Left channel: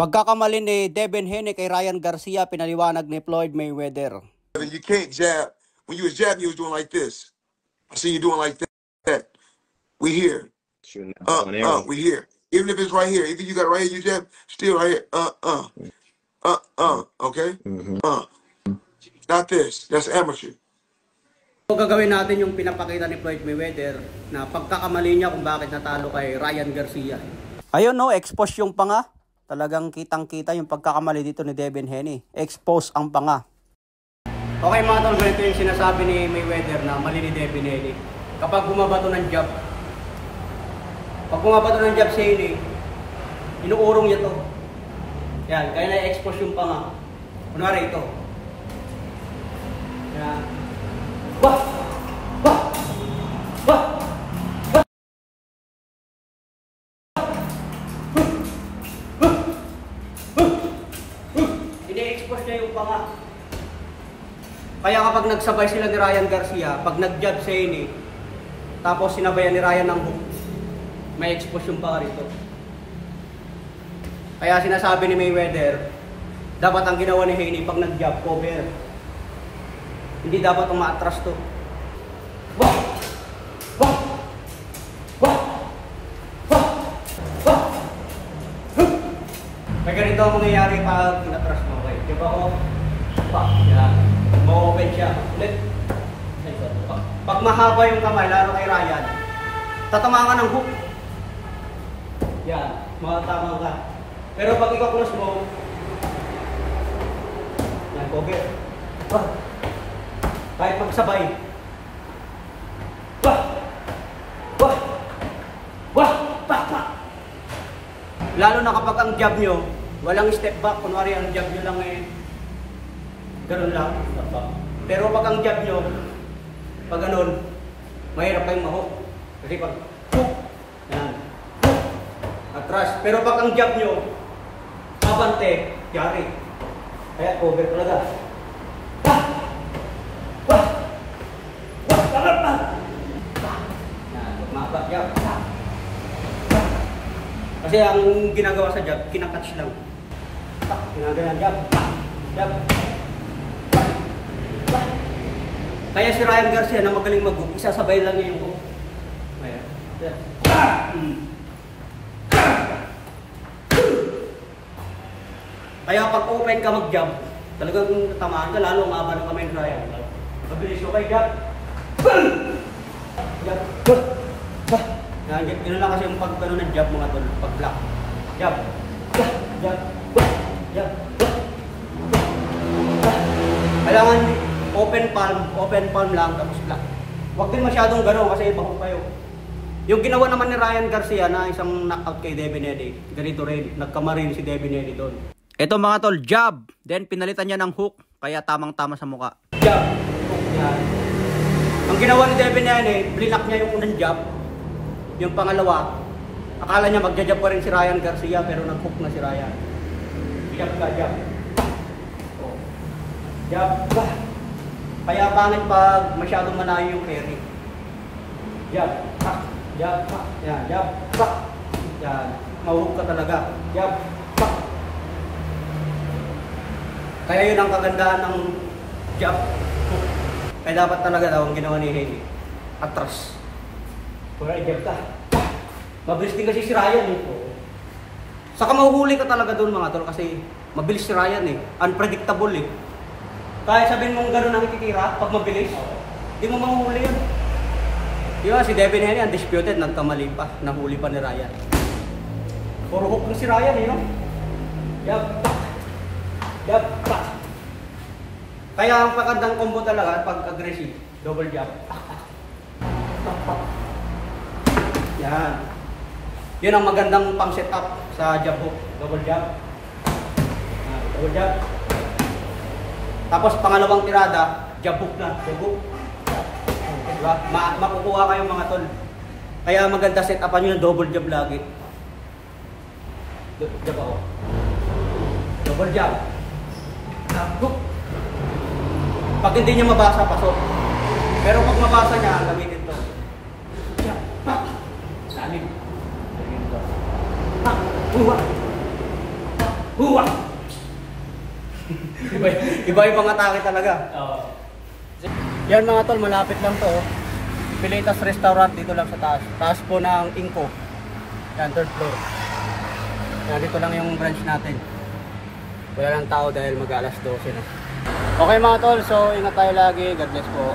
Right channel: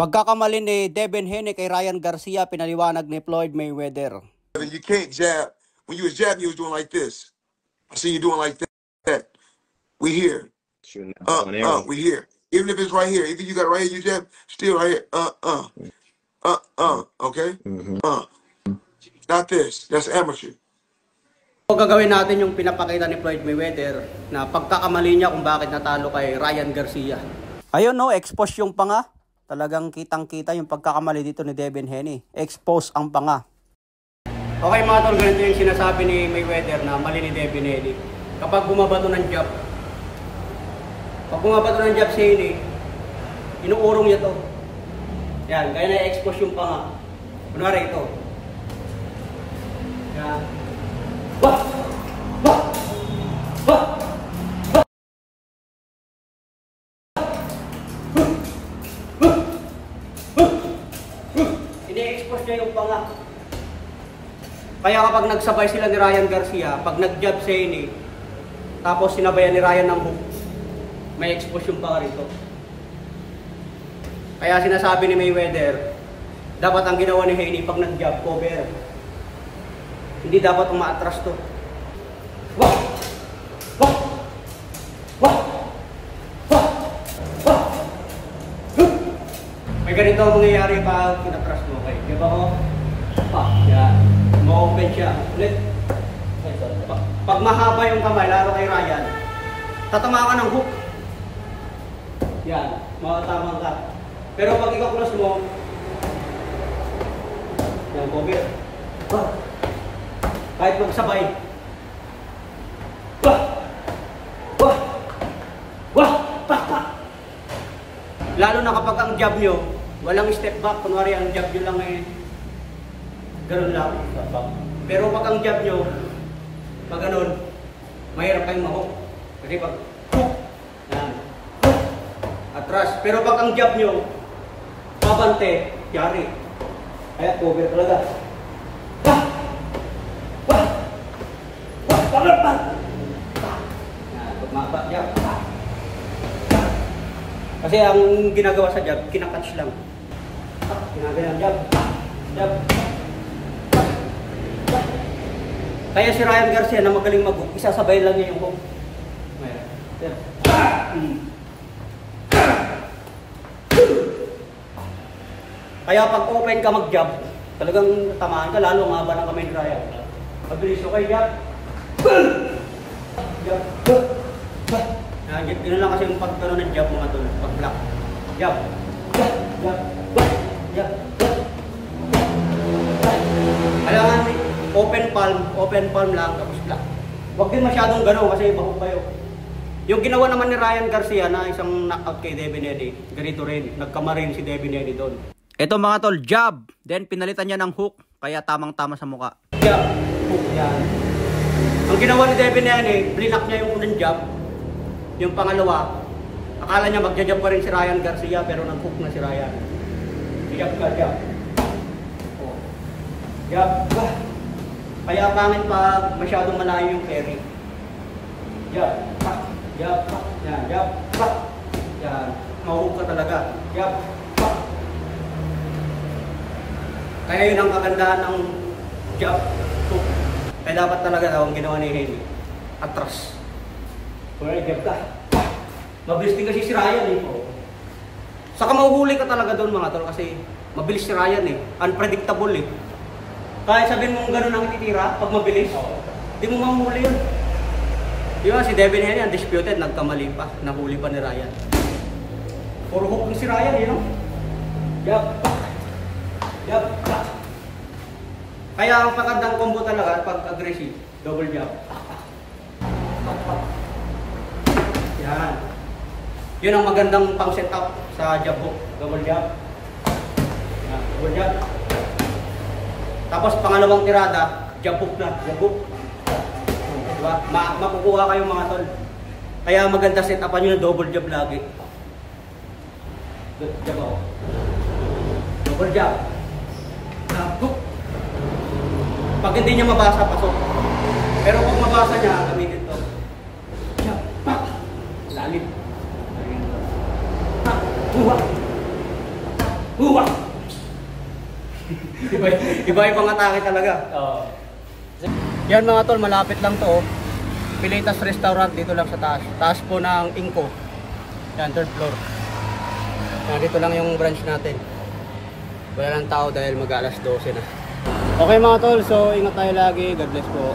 Pagkakamali ni Devin Haney kay Ryan Garcia, pinaliwanag ni Floyd Mayweather. You can't jab. When you was jabbing, you was doing like this. I see you doing like that. We here. We here. Even if it's right here. Even if you got it right here, you jab, still right here. Okay? Not this. That's amateur. So, gagawin natin yung pinapakita ni Floyd Mayweather na pagkakamali niya kung bakit natalo kay Ryan Garcia. Ayun no, expose yung panga. Talagang kitang-kita yung pagkakamali dito ni Devin Haney. Expose ang panga. Okay mga tol, ganito yung sinasabi ni Mayweather na mali ni Devin Haney. Kapag bumabato ng jab, si Haney, inuurong niya to. Yan, kaya na-expose yung panga. Kunwari ito. Yan. Wah! Wah! Wah! Ini-expose niya yung panga. Kaya kapag nagsabay sila ni Ryan Garcia, pag nag-jab si Haney, tapos sinabayan ni Ryan ng hook, may expose yung panga rito. Kaya sinasabi ni Mayweather, dapat ang ginawa ni Haney pag nag-jab, cover. Hindi dapat umaatras to. Wah! Wah! Wah! Wah! Wah! May ganito ang mangyayari pag inatras mo. Okay, diba ko? Yan. Ma-open siya. Ulit. Pag mahaba yung kamay, lalo kay Ryan, tatamaan ka ng hook. Yan. Makatama ka. Pero pag ika-close mo, yan, cover. Wah! Kahit magsabay. Wah! Wah! Wah! Pak! Pak! Lalo na kapag ang jab nyo, walang step back. Kunwari ang jab nyo lang ngayon, ganun lang. Pero pag ang jab nyo, pag ganun, mahirap pa yung mahok. Kasi pag hook, yan, hook, atras. Pero pag ang jab nyo, mabante, yari. Kaya cover talaga. Wah! Wah! Wah! Cover pa! Yan, magmaba, jab. Kasi ang ginagawa sa jab, kinakatch lang. Ginagawa jab. Jab. Kaya si Ryan Garcia na magaling mag-hook, isasabay lang niya yung hook. Kaya pag open ka mag-jab, talagang tamaan ka, lalo ang haba ng kamay ni Ryan. Mabilis okay, jab. Jab. Gano'n lang kasi yung pag-ano ng jab mga tol, pag-block. Jab. Jab. Jab. Jab. Kailangan open palm lang, tapos block. Huwag din masyadong gano'n kasi bahog kayo. Yung ginawa naman ni Ryan Garcia na isang knockout kay Devin Haney, ganito rin, nagkamarin si Devin Haney doon. Ito mga tol, jab. Then pinalitan niya ng hook, kaya tamang-tama sa muka. Jab. Hook yan. Ang ginawa ni Devin Haney, blinak niya yung unang jab. Yung pangalawa, akala niya magja-jab pa rin si Ryan Garcia, pero nag-hook na si Ryan. Jab ka, jab. Oh. Jab. Kaya pangit pag masyadong malayo yung carry. Jab. Jab. Yan, jab. Yan. Mahuhuk ka talaga. Jab. Kaya yun ang kagandahan ng jab. Kaya dapat talaga daw ang ginawa ni Haney, atras. Kung jab ka, mabilis din kasi si Ryan eh. Saka mahuhuli ka talaga doon mga tol kasi mabilis si Ryan eh. Unpredictable eh. Kahit sabihin mong gano'n ang ititira, pag mabilis, di mo mahuhuli yun. Di ba si Devin Haney, undisputed, nagkamali pa, nahuli pa ni Ryan. Puro hook si Ryan eh, no? Jab, pak! Jab, pak! Kaya ang pakandang combo talaga, pag aggressive, double jab. Pak, pak! Pak, pak! Yan. Yun ang magandang pang setup sa jab hook. Double jab. Yan, double jab. Tapos pangalawang tirada, jab hook na. Jab hook. Diba? Makukuha kayo mga tol. Kaya maganda setupan nyo ng double jab lagi. Jab ako. Double jab. Hook. Pag hindi niya mabasa, pasok. Pero pag mabasa niya, gamitin to. Jab. Pak. Lalim. Pak. Buwa. Huwa! Iba-ibang atake talaga. Yan mga tol, malapit lang to. Oh. Pilitas Restaurant dito lang sa taas. Taas po ng Inco. Yan, 3rd floor. Yan, dito lang yung branch natin. Wala lang tao dahil mag-alas 12 na. Okay mga tol, so ingat tayo lagi. God bless po.